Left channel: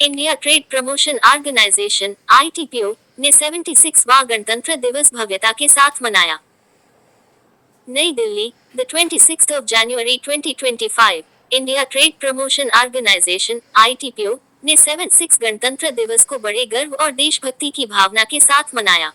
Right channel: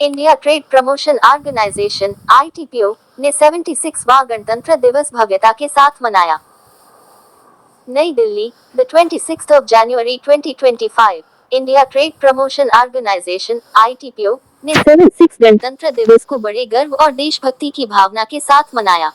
India trade promotion organisation (ITPO) ने 76वां गणतंत्र दिवस भव्यता के साथ मनाया। नई Delhi, the 26th of January 2025, India trade promotion organisation (ITPO) ने 76 गणतंत्र दिवस को बड़े गर्व और देशभक्ति की भावना के साथ मनाया।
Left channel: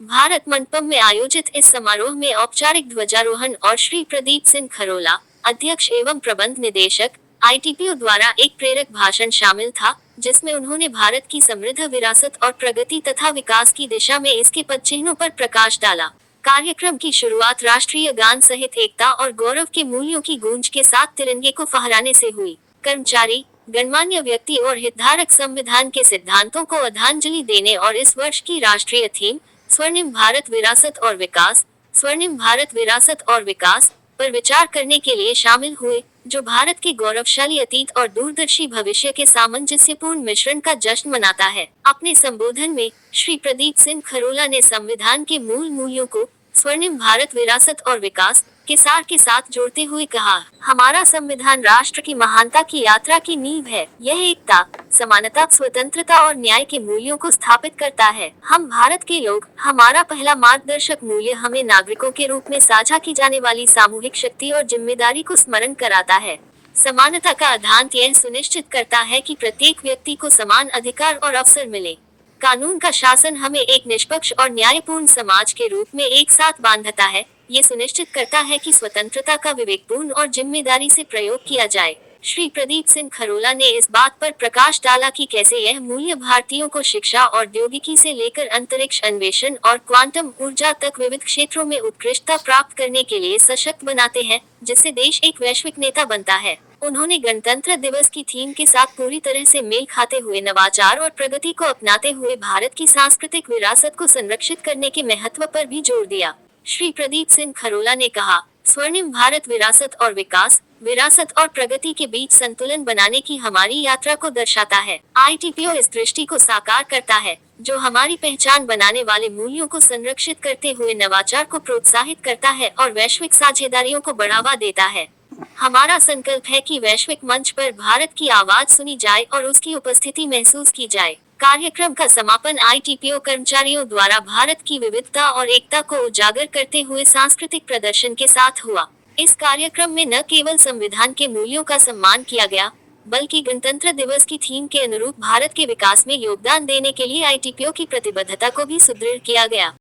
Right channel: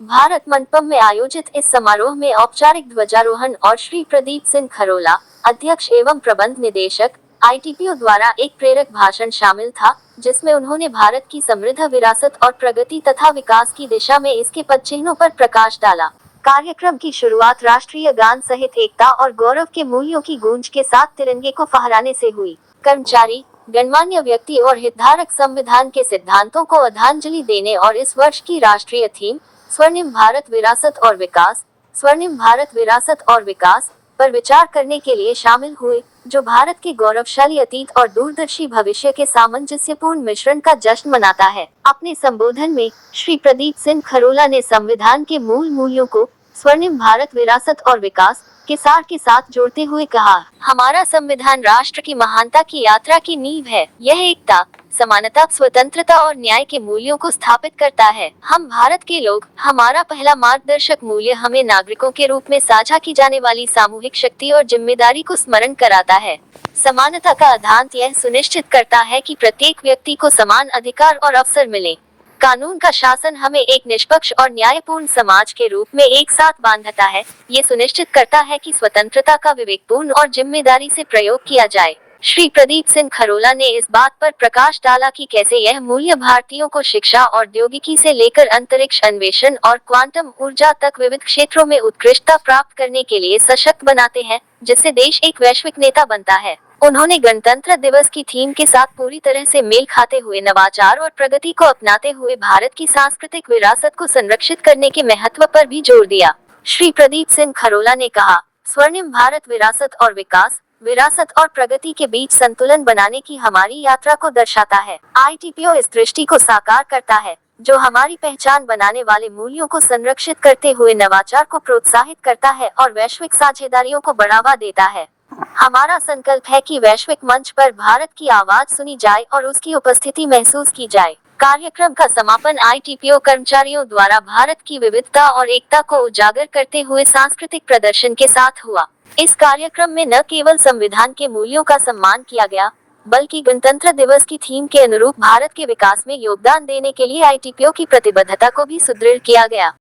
भारत मंडपम में आयोजित इस समारोह में औपचारिक ध्वजारोहण और श्री प्रदीप सिंह खरोला, अध्यक्ष एवं प्रबंध निदेशक, ITPO द्वारा एक प्रेरक भाषण शामिल था, जिसमें उन्होंने भारत की समृद्ध विरासत और प्रगति तथा विकास की दिशा में इसके पदचिह्नों पर प्रकाश डाला। कार्यक्रम की शुरुआत राष्ट्रीय गान सहित एकता और गौरव के मूल्यों की गूंज के साथ तिरंगे को फहराने से हुई। कर्मचारी, गणमान्य व्यक्ति और हितधारक संविधान के सिद्धांतों को आदरांजलि देने और इस वर्ष की राष्ट्रीय थीम स्वर्णिम भारत विरासत और विकास, स्वर्णिम भारत विरासत और विकास पर विचार करने के लिए शामिल हुए, जो भारत के गौरवशाली अतीत और दूरदर्शी भविष्य के सामंजस्यपूर्ण मिश्रण का जश्न मनाता है। अपने संबोधन में श्री प्रदीप सिंह खरोला ने संविधान के मूल मूल्यों को स्वर्णिम भारत विरासत और विकास के सार के साथ जोड़ते हुए कहा, हमारा संविधान राष्ट्र की महानता की यात्रा की नींव है। यह एकता, समानता, स्वतंत्रता और न्याय के मूल्यों को स्थापित करता है। हम भारत के लोग, हमारा पहला मार्गदर्शक मूल्य हमें नागरिकों के रूप में साझा की जाने वाली सामूहिक शक्ति और जिम्मेदारी को स्मरण कराता है। समानता का सिद्धांत यह सुनिश्चित करता है कि प्रत्येक व्यक्ति को समान अधिकार और अवसर मिले। कानून का शासन हमें एक निष्पक्ष और न्यायपूर्ण समाज के रूप में एक साथ बांधता है। ये सुनिश्चित करता है कि स्वतंत्रता का विवेकपूर्ण और जिम्मेदारी से प्रयोग किया जाए। श्री प्रदीप सिंह खरोला ने इस बात पर प्रकाश डाला कि कैसे यह मूल्य भारतीयों को शिक्षा, औद्योगिकी से लेकर अंतरिक्ष अन्वेषण और क्वांटम ऊर्जा तक विविध क्षेत्रों में उत्कृष्टता प्राप्त करने के लिए सशक्त बनाते हैं, जिससे देश एक वैश्विक नेता बनता है। उन्होंने गणतंत्र दिवस की थीम के साथ पूरी तरह से मेल खाते हुए नवाचार और प्रगति को अपनाते हुए भारत की सांस्कृतिक विरासत को संरक्षित करने के महत्व पर भी जोर दिया। श्री प्रदीप सिंह खरोला ने कहा, स्वर्णिम भारत विरासत और विकास, विरासत और प्रगति के बीच संतुलन बनाने की हमारी यात्रा को दर्शाता है। ITPO इस दृष्टि को साकार करता है, जो हमारी पहचान बनाने वाले मूल्यों को संरक्षित करते हुए नवाचार को प्रोत्साहित करता है और वैश्विक साझेदारियों को बढ़ावा देता है। हमारा संकल्प है कि वैश्विक मंच पर भारत की आवाज सुनी जाए और उसकी उपस्थिति महसूस की जाए। कार्यक्रम का समापन ITPO कर्मचारियों द्वारा भारत की विविधता और एकता को उजागर करते हुए सांस्कृतिक प्रदर्शन के साथ हुआ। इस कार्यक्रम में न केवल संविधान के मूल्यों का सम्मान किया गया, बल्कि गणतंत्र दिवस की थीम के अनुरूप भारत के विकास में योगदान देने के लिए ITPO की प्रतिबद्धता को भी सुदृढ़ किया गया।